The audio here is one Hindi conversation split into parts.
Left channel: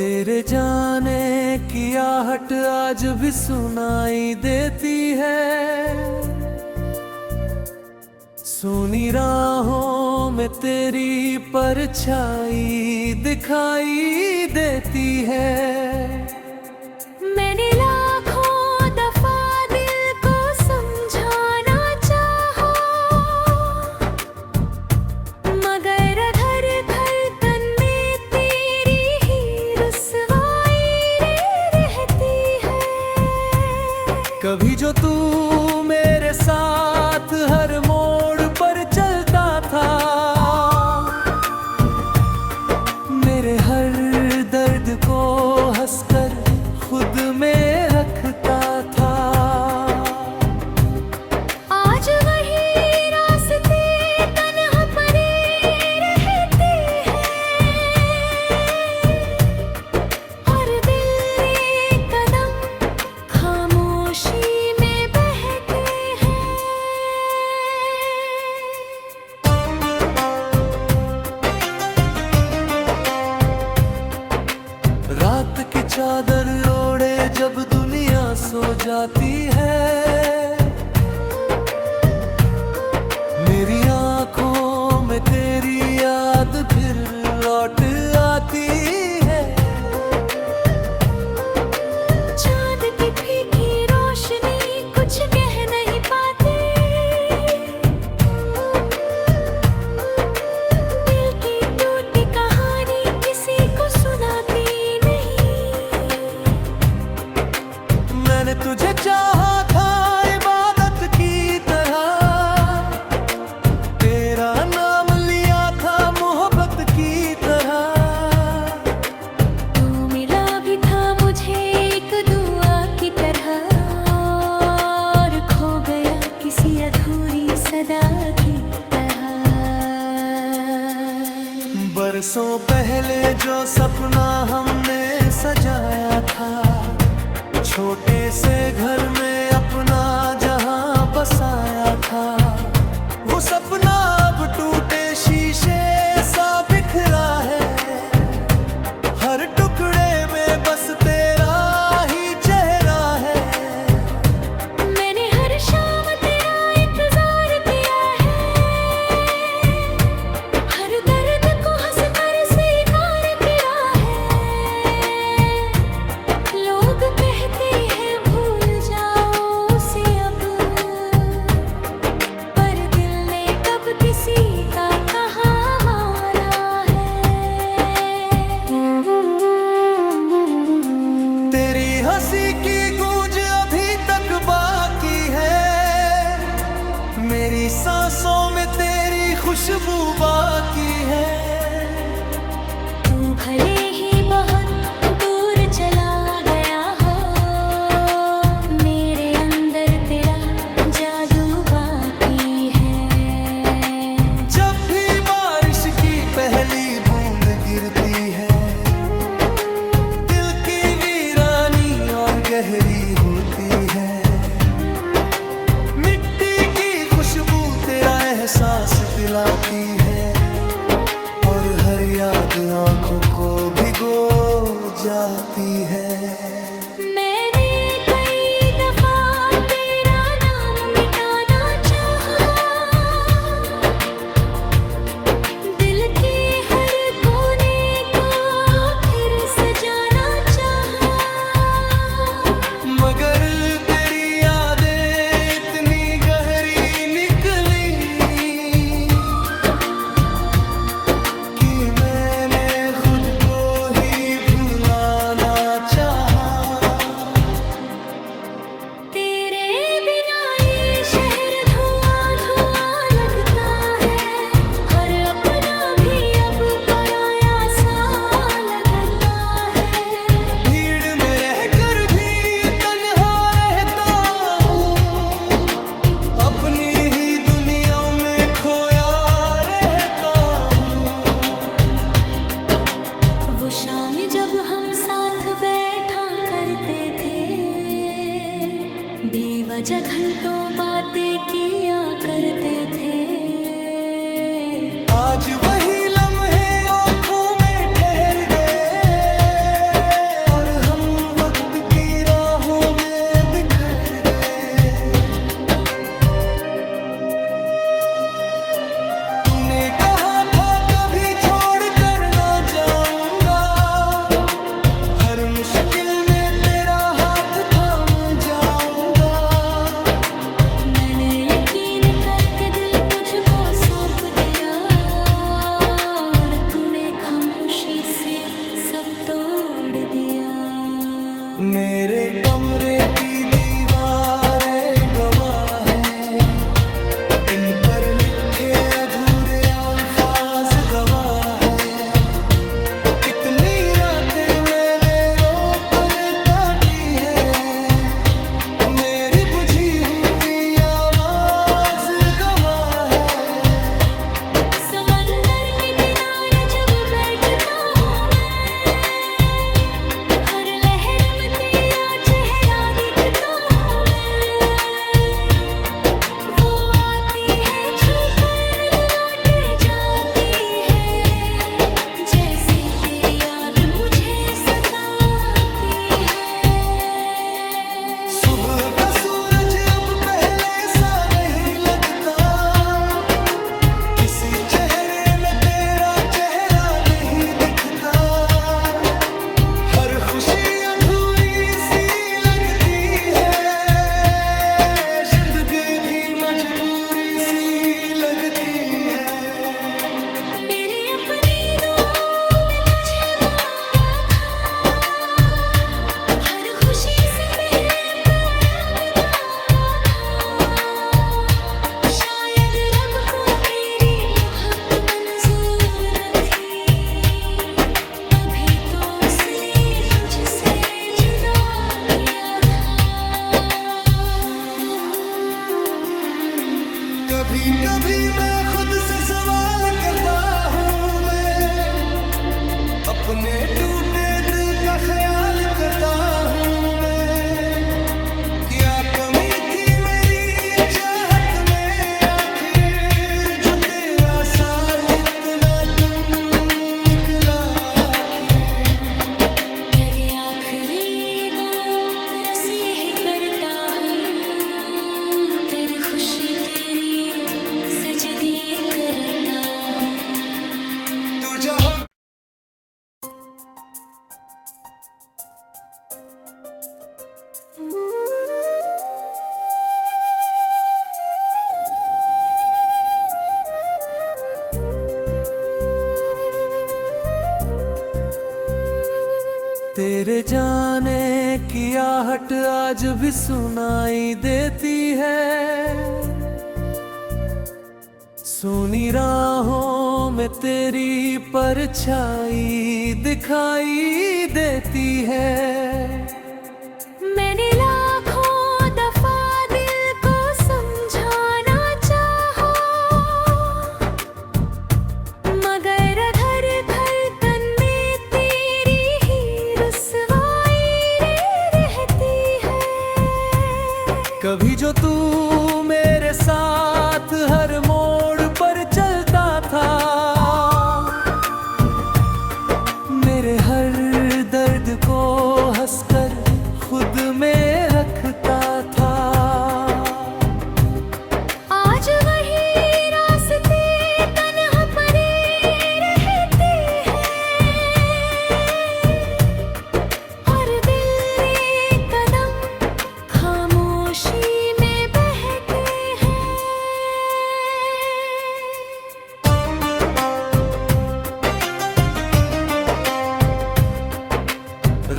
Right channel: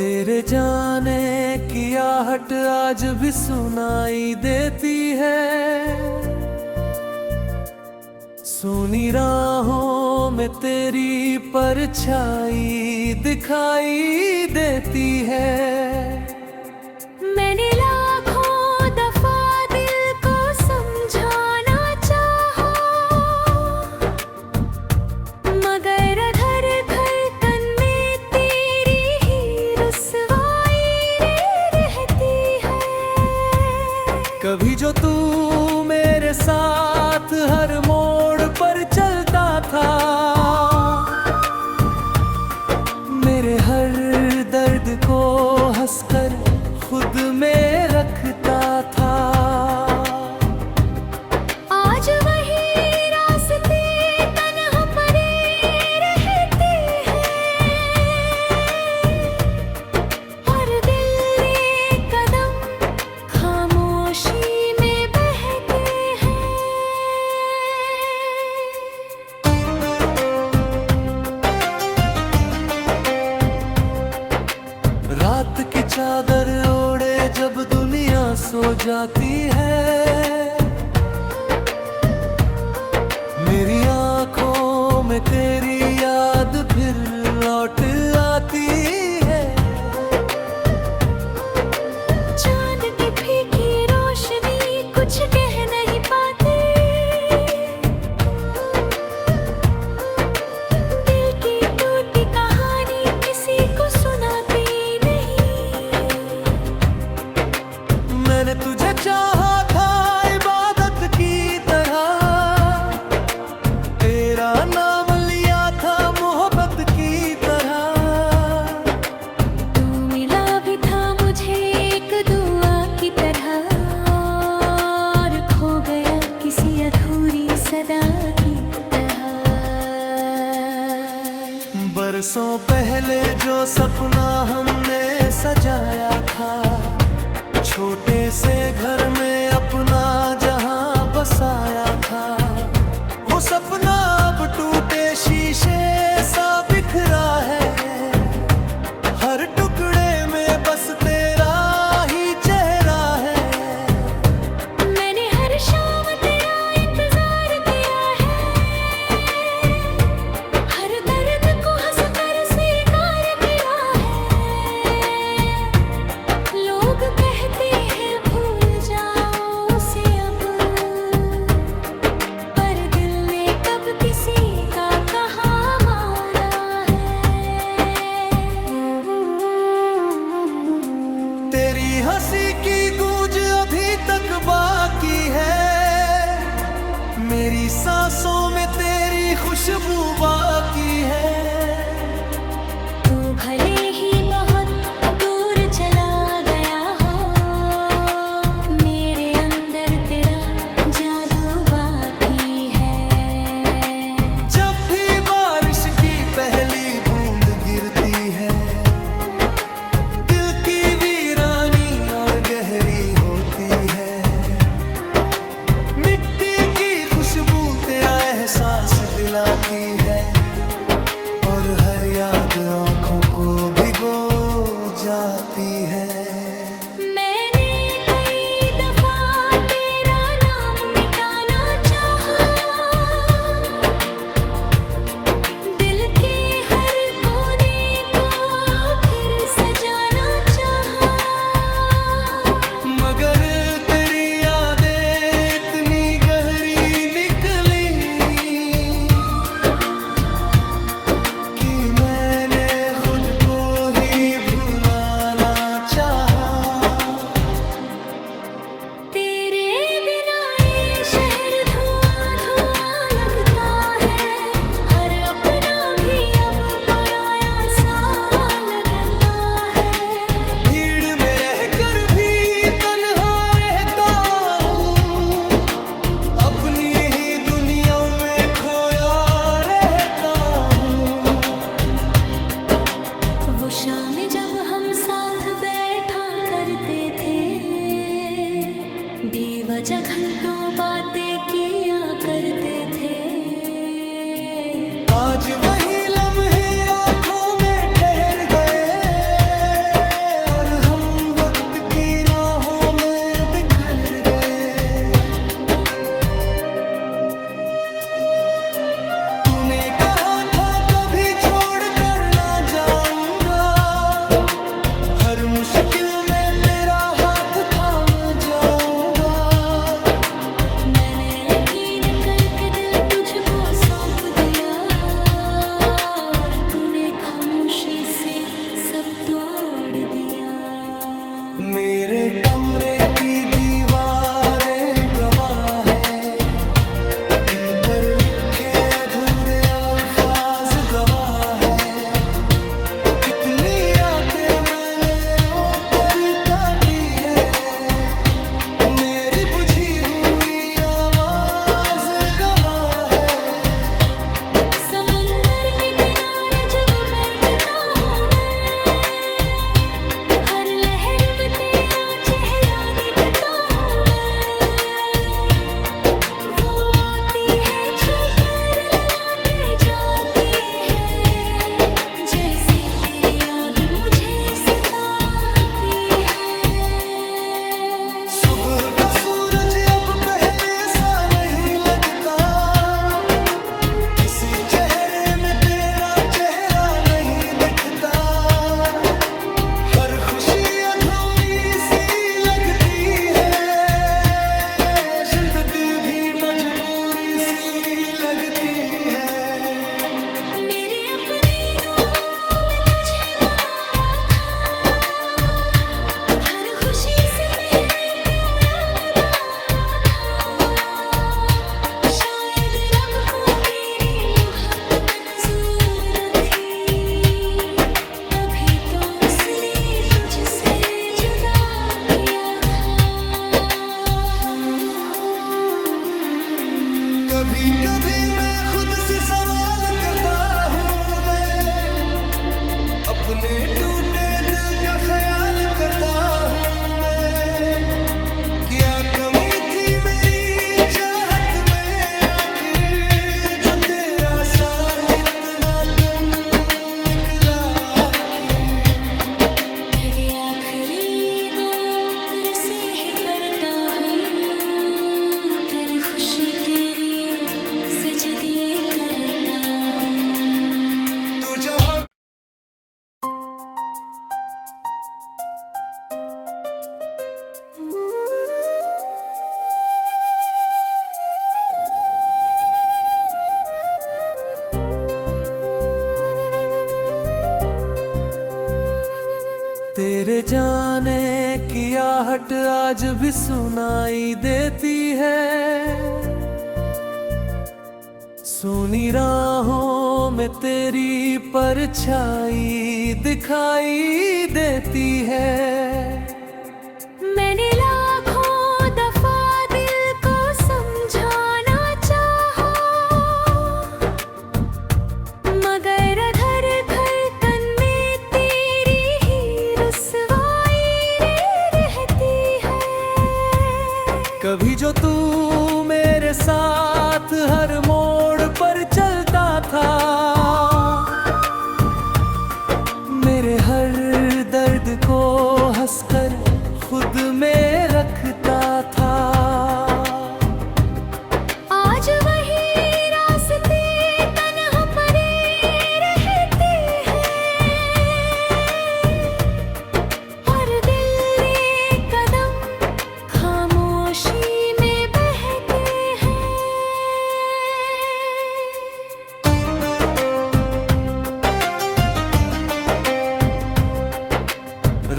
तेरे जाने की आहट आज भी सुनाई देती है। सुनी राहों में तेरी परछाई दिखाई देती है। मैंने लाखों दफा दिल को समझाना चाहा, मगर घर धड़कन में तेरी ही रुसवाई रहती है। कभी जो तू मेरे साथ हर मोड़ पर चलता था, मेरे हर दर्द को हंसकर खुद में रखता था। आज वही रास्ते तन्हा पड़े रहते हैं, और दिल एक कदम खामोशी में बहते हैं। रात की चादर ओढ़े जब दुनिया सो जाती है, मेरी आंखों में तेरी याद फिर लौट आती है। चांद की फीकी रोशनी कुछ कह नहीं पाती, दिल की टूटी कहानी किसी को सुनाती नहीं। मैंने तुझे चाहा था इबादत की तरह, तेरा नाम लिया था मोहब्बत की तरह। तू मिला भी था मुझे एक दुआ की तरह, और खो गया किसी अधूरी सदा की तरह। बरसों पहले जो सपना हमने सजाया था, छोटे से घर में अपना जहां बसाया था, वो सपना अब टूटे शीशे सा बिखरा है। हर टुकड़े में बस तेरा ही चेहरा है। मैंने हर शाम तेरा इंतजार किया है, हर दर्द को हंसकर स्वीकार किया है। लोग कहते हैं भूल जाओ उसे अब, पर दिल ने कब किसी का कहा माना है। तेरी हंसी की गूंज अभी तक बाकी है, मेरी सांसों में तेरी खुशबू बाकी है। तू भले ही बहुत दूर चला गया हो, मेरे अंदर तेरा जादू बाकी है। जब भी बारिश की पहली बूंद गिरती है, दिल की वीरानी और गहरी होती है। मिट्टी की खुशबू तेरा एहसास दिलाती है, और हर याद आंखों को भिगो जाती है। मैंने कई दफा तेरा नाम मिटाना चाहा, दिल के हर कोने को फिर सजाना चाहा, मगर तेरी यादें इतनी गहरी निकली कि मैंने खुद को ही भुलाना चाहा। तेरे बिना ये शहर धुआं धुआं लगता है, हर अपना भी अब पराया सा लगता है। भीड़ में रहकर भी तन्हा रहता हूँ, अपनी ही दुनिया में खोया रहता हूँ। वो शाम जब हम साथ बैठा करते थे, बेवजह घंटों बातें किया करते थे। आज वही लम्हे आंखों में ठहर गए, मुश्किल में तेरा हाथ थाम जाऊंगा। मैंने यकीन करके दिल तुझको सौंप दिया और तूने खामोशी से सब तोड़ दिया। मेरे कमरे की दीवारें गवाह हैं, इन पर लिखे अधूरे अल्फाज गवाह हैं। कितनी रातें मैंने रोकर काटी है, मेरी बुझी हुई आवाज गवाह है। समंदर के किनारे जब बैठता हूँ मैं, हर लहर में तेरा चेहरा दिखता हूँ मैं। वो आती है छूकर लौट जाती है, जैसे तेरी याद मुझे सताती है। सुबह का सूरज अब पहले सा नहीं लगता, किसी चेहरे में तेरा चेहरा नहीं दिखता। हर खुशी अधूरी सी लगती है, जिंदगी भी मजबूरी सी लगती है। मेरी अपनी दुआओं में तुझे मांगा था, हर खुशी से पहले प्यारा मैं मांगा था। शायद रब को मेरी मोहब्बत मंजूर न थी, तभी तो उसने तुझसे जुदा किया था। कभी कभी मैं खुद से सवाल करता हूँ, मैं अपने टूटे दिल का ख्याल करता हूँ मैं। क्या कमी थी मेरी चाहत में आखिर, जो तेरा साथ इतना कम निकला आखिर। लगे आखिरी गो रसीह करता हूँ, तेरी खुशी के लिए सजदे करता हूँ। तू जहाँ तेरे जाने की आहट आज भी सुनाई देती है, सुनी राहों में तेरी परछाई दिखाई देती है। मैंने लाखों दफा दिल को समझाना चाहा, मगर घर धड़कन में तेरी ही रुसवाई रहती है। कभी जो तू मेरे साथ हर मोड़ पर चलता था, मेरे हर दर्द को हंसकर खुद में रखता था। आज वही रास्ते तन्हा पड़े रहते हैं, और दिल एक कदम खामोशी में बहते हैं।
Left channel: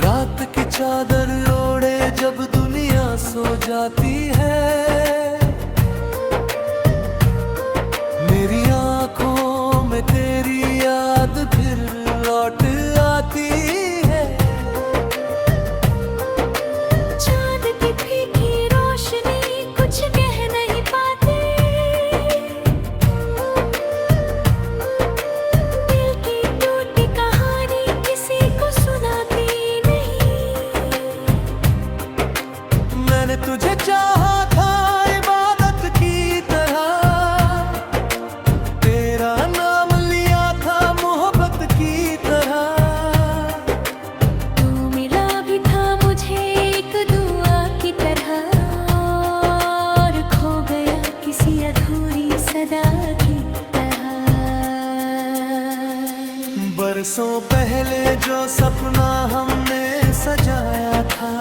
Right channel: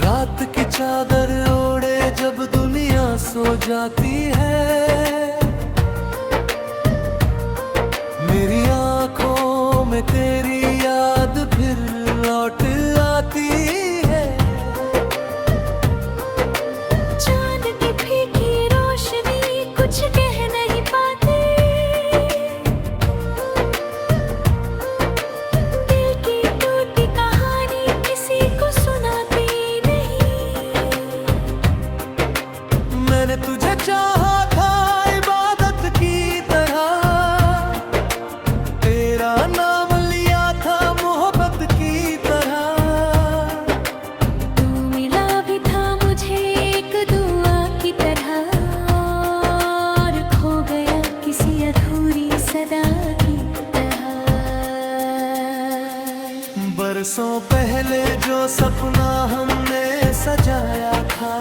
रात की चादर ओढ़े जब दुनिया सो जाती है, मेरी आंखों में तेरी याद फिर लौट आती है। चांद की फीकी रोशनी कुछ कह नहीं पाती, दिल की टूटी कहानी किसी को सुनाती नहीं। मैंने तुझे चाहा था इबादत की तरह, तेरा नाम लिया था मोहब्बत की तरह। तू मिला भी था मुझे एक दुआ की तरह, और खो गया किसी अधूरी सदा की तरह। बरसों पहले जो सपना हमने सजाया था,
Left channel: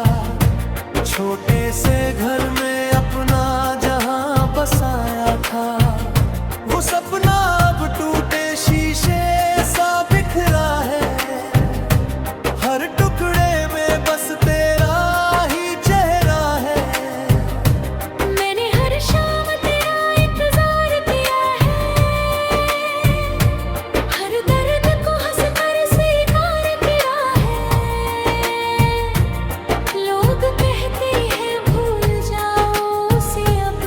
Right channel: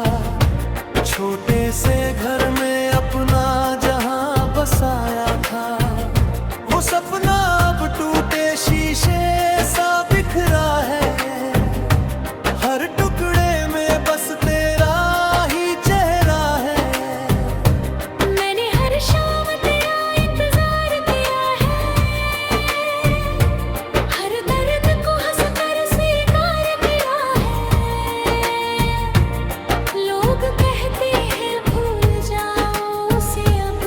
छोटे से घर में अपना जहां बसाया था, वो सपना अब टूटे शीशे सा बिखरा है। हर टुकड़े में बस तेरा ही चेहरा है। मैंने हर शाम तेरा इंतजार किया है, हर दर्द को हंस कर स्वीकार किया है। लोग कहते हैं भूल जाओ उसे अब,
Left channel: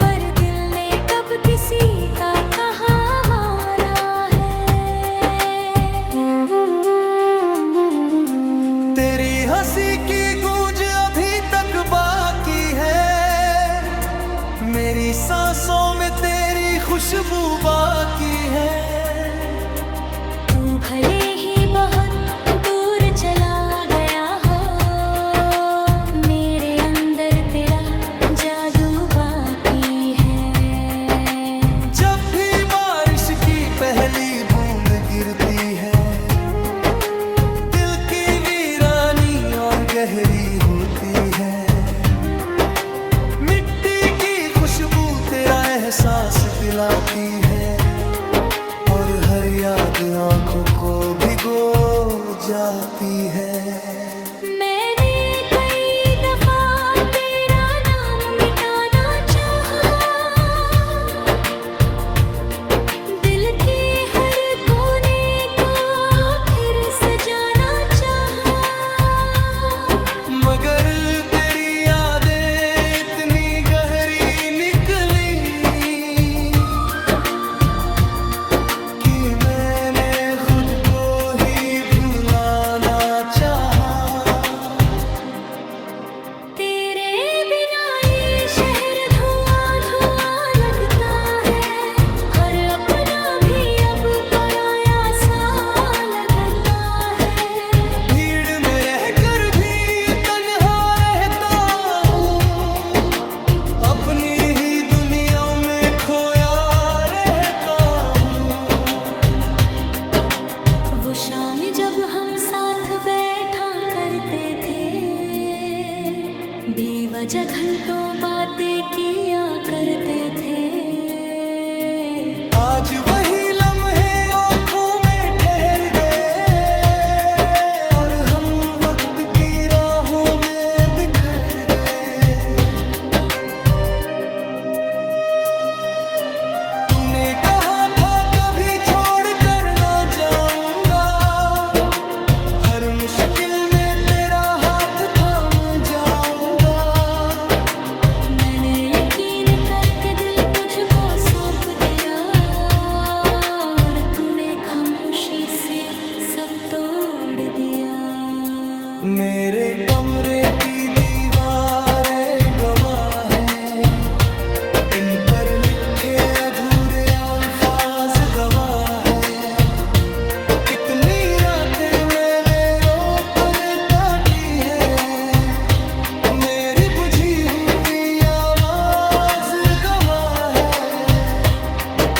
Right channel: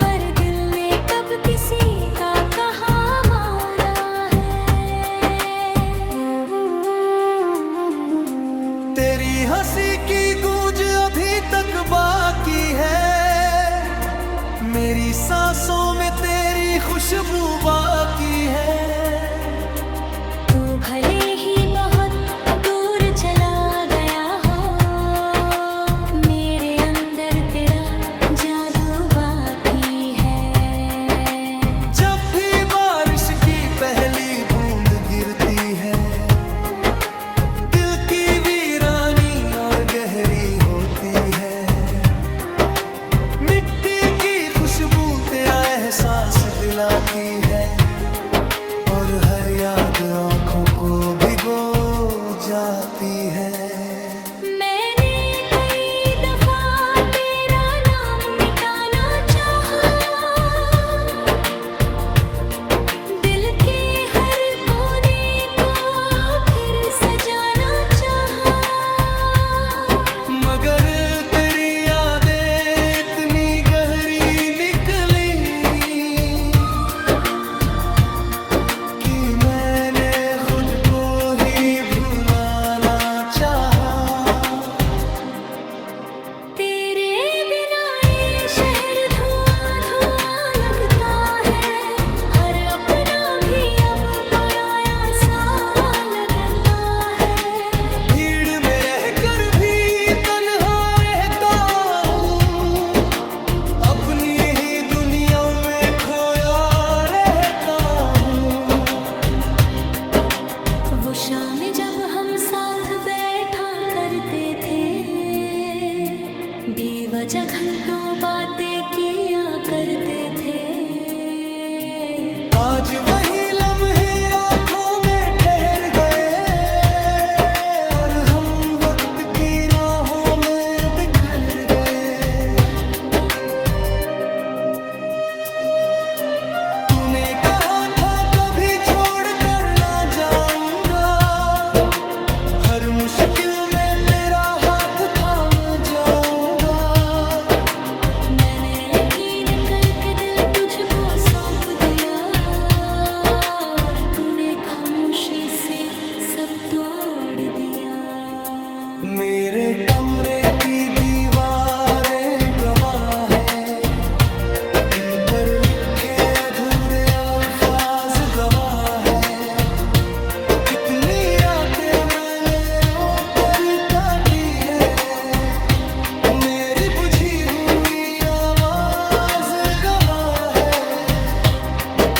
पर दिल ने कब किसी का कहा माना तेरी हंसी की गूंज अभी तक बाकी है, मेरी सांसों में तेरी खुशबू बाकी है। तू भले ही बहुत दूर चला गया हो, मेरे अंदर तेरा जादू बाकी है। जब भी बारिश की पहली बूंद गिरती है, दिल की वीरानी और गहरी होती है। मिट्टी की खुशबू तेरा एहसास दिलाती है, और हर याद आंखों को भिगो जाती है। मैंने कई दफा तेरा नाम मिटाना चाहा, दिल के हर कोने को फिर सजाना चाहा, मगर तेरी यादें इतनी गहरी निकली कि मैंने खुद को ही भुलाना चाहा। तेरे बिना ये शहर धुआं धुआं लगता है, हर अपना भी अब पराया सा लगता है। भीड़ में रहकर भी तन्हा रहता हूँ, अपनी ही दुनिया में खोया रहता हूँ। वो शाम जब हम साथ बैठा करते थे, बेवजह घंटों बातें किया करते थे। आज वही लम्हे आंखों में ठहर गए, और हम वक्त की राहों में बिखर गए। तूने कहा था कभी छोड़ कर ना जाऊंगा, हर मुश्किल में तेरा हाथ थाम जाऊंगा। मैंने यकीन करके दिल तुझको सौंप दिया, और तूने खामोशी से सब तोड़ दिया। मेरे कमरे की दीवारें गवाह हैं, इन पर लिखे अधूरे अल्फाज गवाह हैं। कितनी रातें मैंने रोकर काटी है, मेरी बुझी हुई आवाज गवाह है।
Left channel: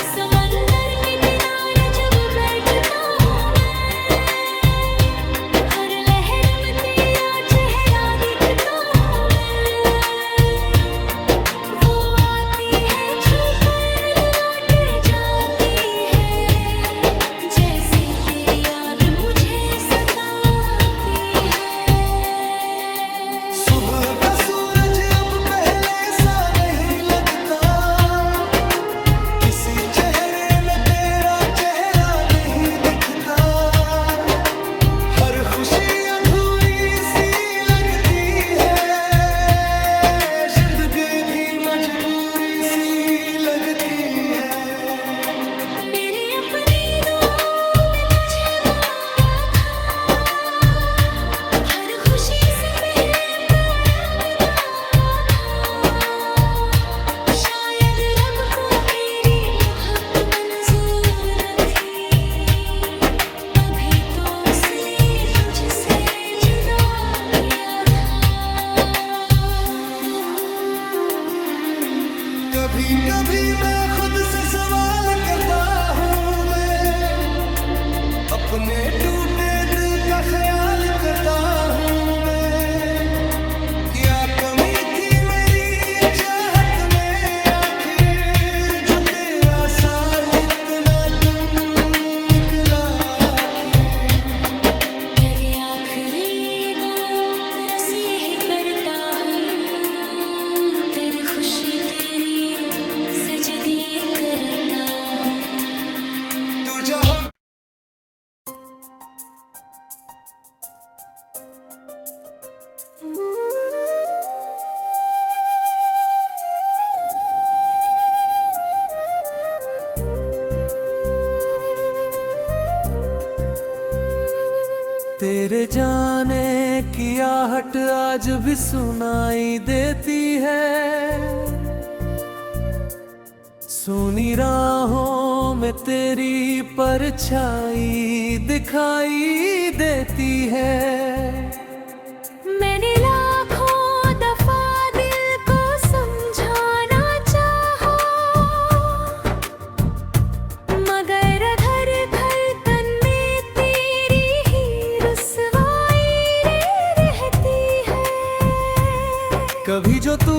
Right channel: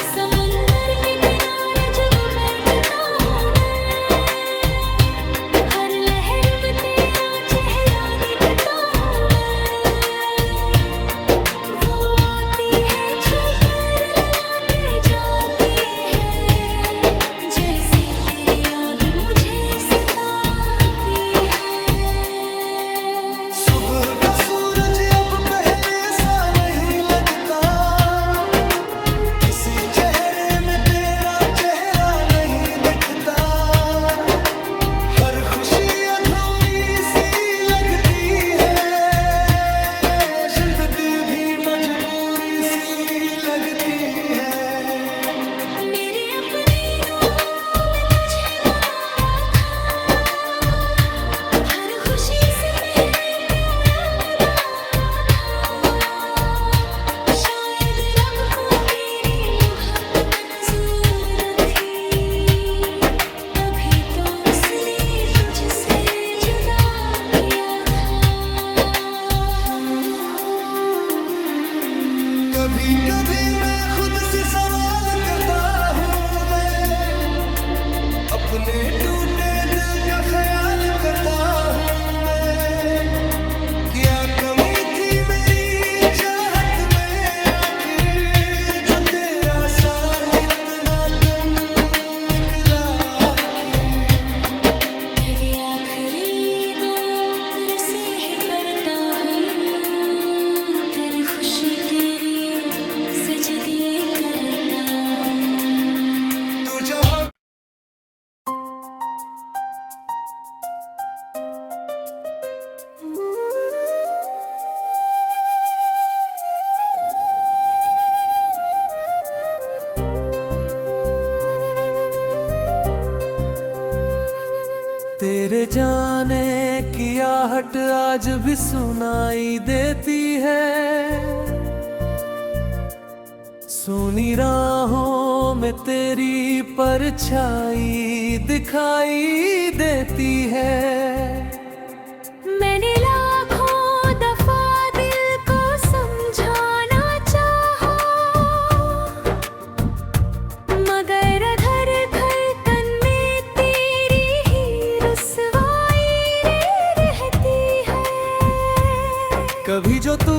समंदर के किनारे जब बैठता हूँ मैं, हर लहर में तेरा चेहरा दिखता हूँ मैं। वो आती है छूकर लौट जाती है, जैसे तेरी याद मुझे सताती है। सुबह का सूरज अब पहले सा नहीं लगता, किसी चेहरे में तेरा चेहरा नहीं दिखता। हर खुशी अधूरी सी लगती है, जिंदगी भी मजबूरी सी लगती है। मेरी अपनी दुआओं में तुझे मांगा था, हर खुशी से पहले प्यारा मैं मांगा था। शायद रब को मेरी मोहब्बत मंजूर न थी, तभी तो उसने तुझसे जुदा किया था। कभी कभी मैं खुद से सवाल करता हूँ, मैं अपने टूटे दिल का ख्याल करता हूँ मैं, क्या कमी थी मेरी चाहत में आखिर, जो तेरा साथ इतना कम निकला आखिर। लगे आखिरी गो रसीह करता हूँ, तेरे खुश तेरी सजदे करता हूँ। तू जहाँ तेरे जाने की आहट आज भी सुनाई देती है, सुनी राहों में तेरी परछाई दिखाई देती है। मैंने लाखों दफा दिल को समझाना चाहा, मगर घर घर तन में तेरी ही रुसवाई रहती है। कभी जो तू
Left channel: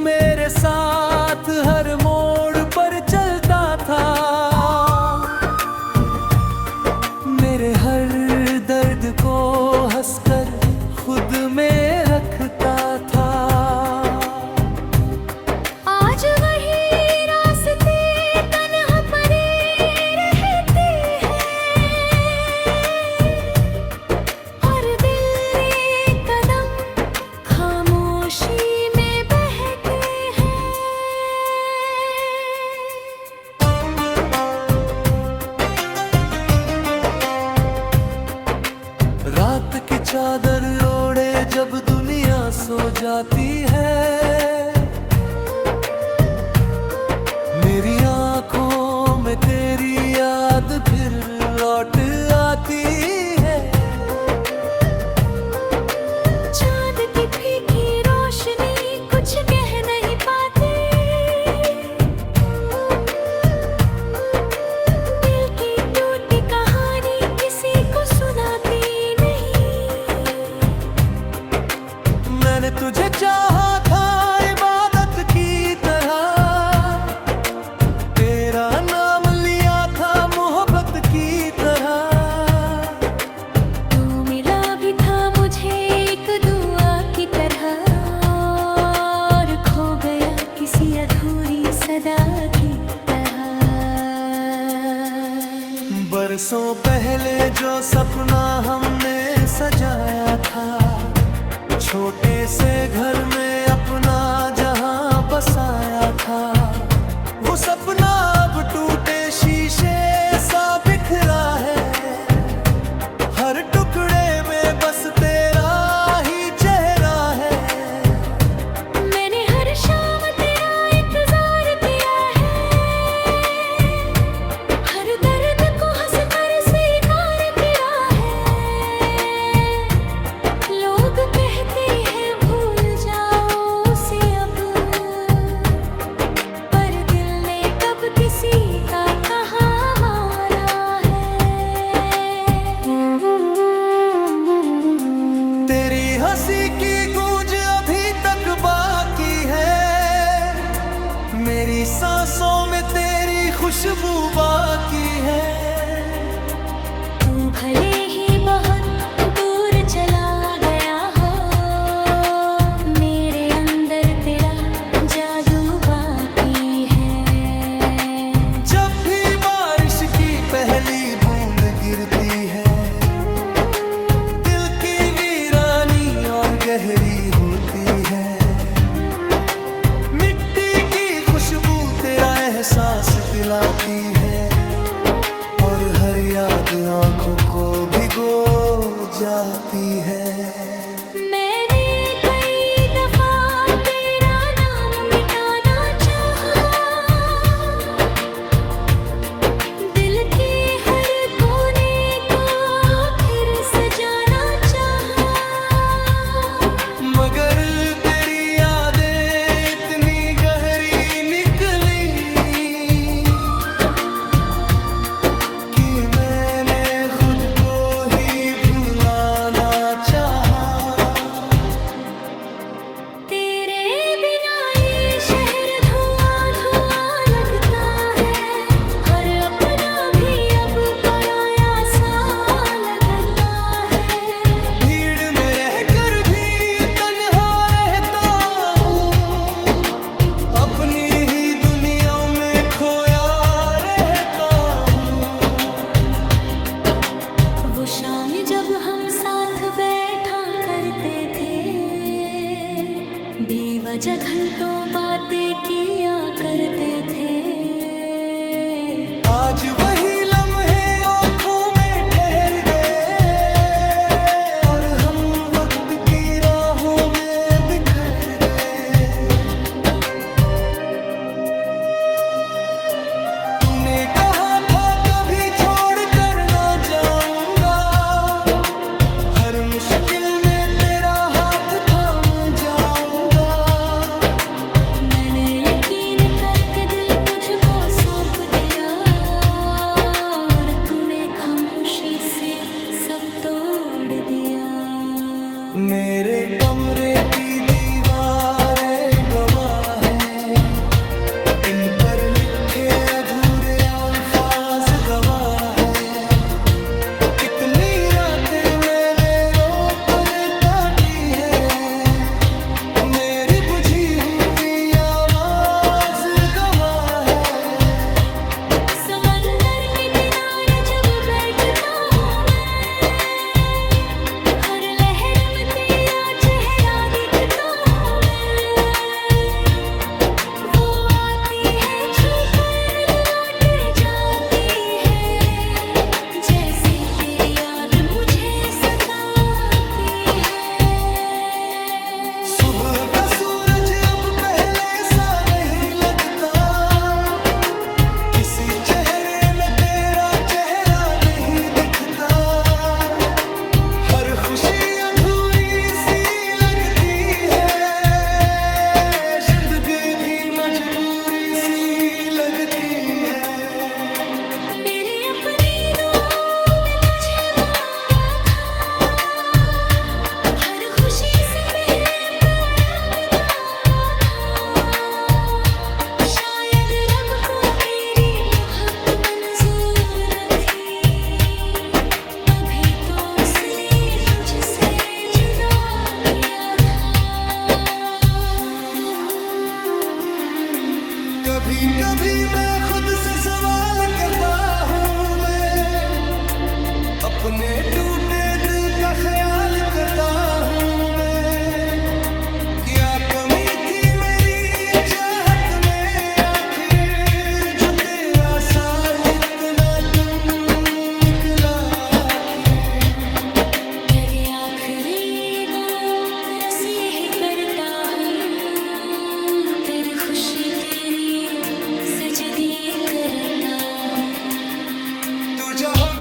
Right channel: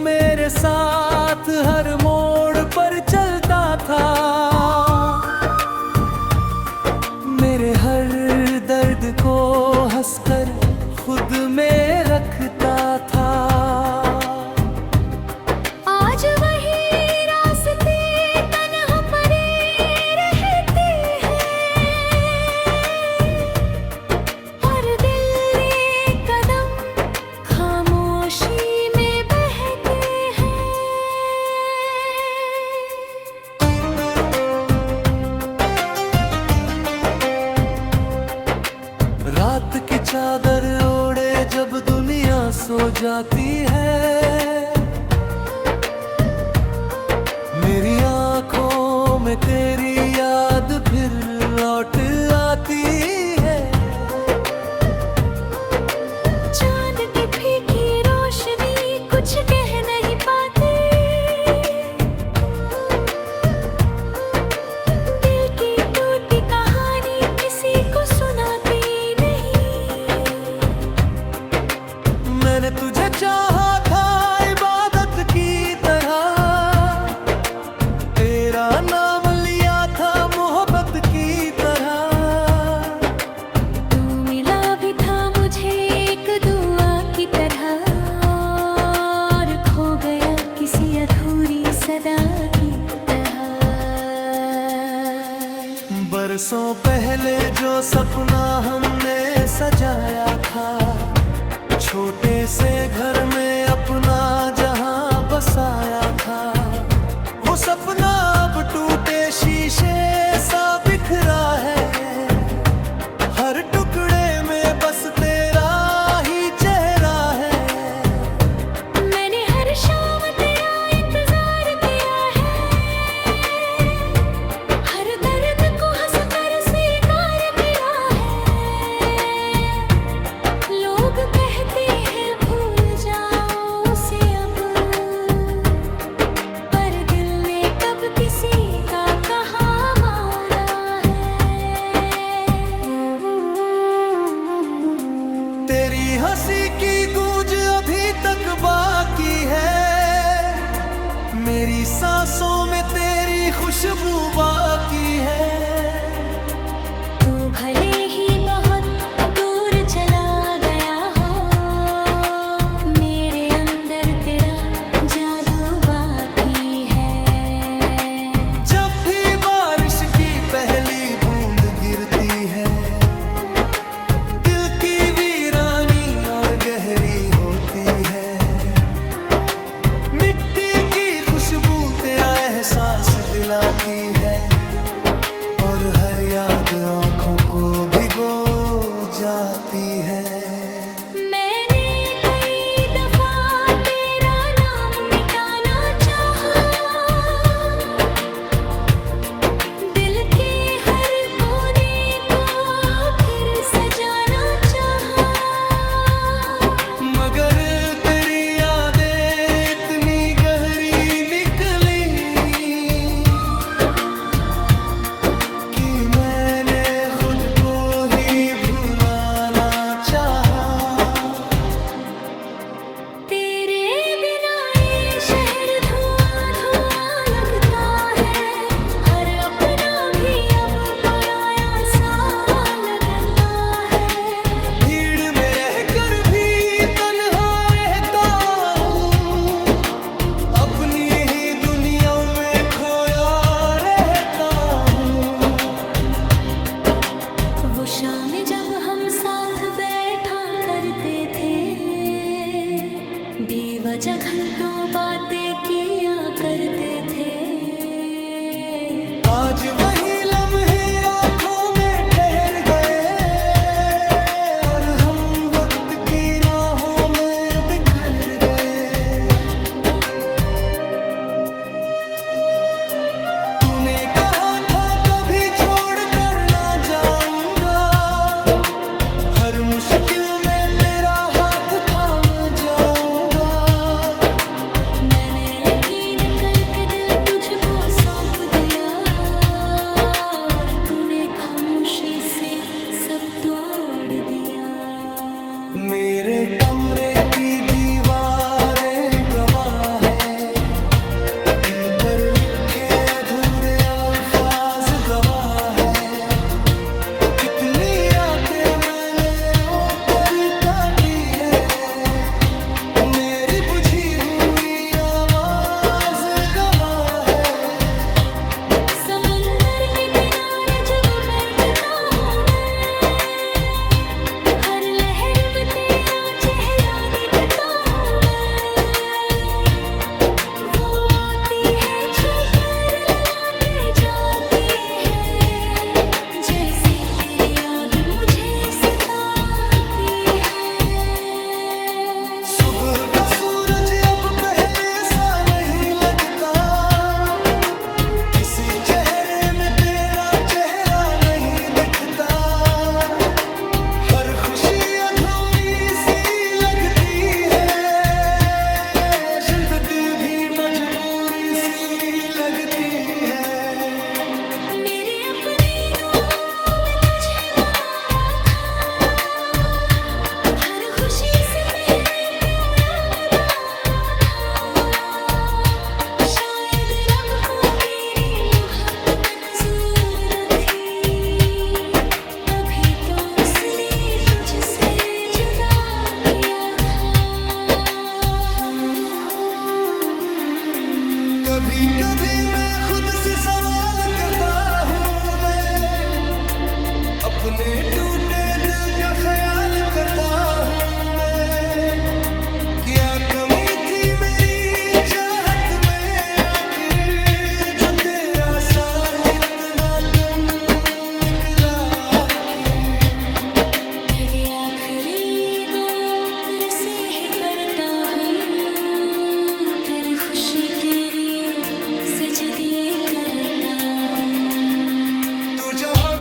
मेरे साथ हर मोड़ पर चलता था, मेरे हर दर्द को हंसकर खुद में रखता था। आज वही रास्ते तन्हा पड़े रहते हैं, और दिल एक कदम खामोशी में बहते हैं। रात की चादर ओढ़े जब दुनिया सो जाती है, मेरी आंखों में तेरी याद फिर लौट आती है। चांद की फीकी रोशनी कुछ कह नहीं पाती, दिल की टूटी कहानी किसी को सुनाती नहीं। मैंने तुझे चाहा था इबादत की तरह, तेरा नाम लिया था मोहब्बत की तरह। तू मिला भी था मुझे एक दुआ की तरह, और खो गया किसी अधूरी सदा की तरह। बरसों पहले जो सपना हमने सजाया था, छोटे से घर में अपना जहां बसाया था, वो सपना अब टूटे शीशे सा बिखरा है। हर टुकड़े में बस तेरा ही चेहरा है। मैंने हर शाम तेरा इंतजार किया है, हर दर्द को हंसकर स्वीकार किया है। लोग कहते हैं भूल जाओ उसे अब, पर दिल ने कब किसी का कहा माना है। तेरी हंसी की गूंज अभी तक बाकी है, मेरी सांसों में तेरी खुशबू बाकी है। तू भले ही बहुत दूर चला गया हो, मेरे अंदर तेरा जादू बाकी है। जब भी बारिश की पहली बूंद गिरती है, दिल की वीरानी और गहरी होती है। मिट्टी की खुशबू तेरा एहसास दिलाती है, और हर याद आंखों को भिगो जाती है। मैंने कई दफा तेरा नाम मिटाना चाहा, दिल के हर कोने को फिर सजाना चाहा, मगर तेरी यादें इतनी गहरी निकली कि मैंने खुद शाम जब हम साथ बैठा करते थे, बेवजह घंटों बातें किया करते थे। आज वही लम्हे आंखों में ठहर गए और हम वक्त की राहों में बिखर गए। तूने कहा था कभी छोड़ कर ना जाऊंगा, हर मुश्किल में तेरा हाथ थाम जाऊंगा। मैंने यकीन करके दिल तुझको सौंप दिया और तूने खामोशी से सब तोड़ दिया। मेरे कमरे की दीवारें गवाह हैं, इन पर लिखे अधूरे अल्फाज गवाह हैं। कितनी रातें मैंने रो कर काटी है, मेरी बुझी हुई आवाज गवाह है। समंदर के किनारे जब बैठता हूँ मैं, हर लहर में तेरा चेहरा दिखता हूँ मैं। वो आती है छू कर लौट जाती है, जैसे तेरी याद मुझे सताती है। सुबह का सूरज अब पहले सा नहीं लगता, किसी चेहरे में तेरा चेहरा नहीं दिखता। हर खुशी अधूरी सी लगती है, जिंदगी भी मजबूरी सी लगती है। मेरी अपनी दुआओं में तुझे मांगा था, हर खुशी से पहले प्यारा मैं मांगा था। शायद रब को मेरी मोहब्बत मंजूर न थी, तभी तो उसने तुझसे जुदा किया था। कभी कभी मैं खुद से सवाल करता हूँ, मैं अपने टूटे दिल का ख्याल करता हूँ मैं। क्या कमी थी मेरी चाहत में आखिर, जो तेरा साथ इतना कम निकला आखिर। लगे आखिरी गो रसीह करता हूँ, तेरे खुश के लिए सजदे करता हूँ। तू जहाँ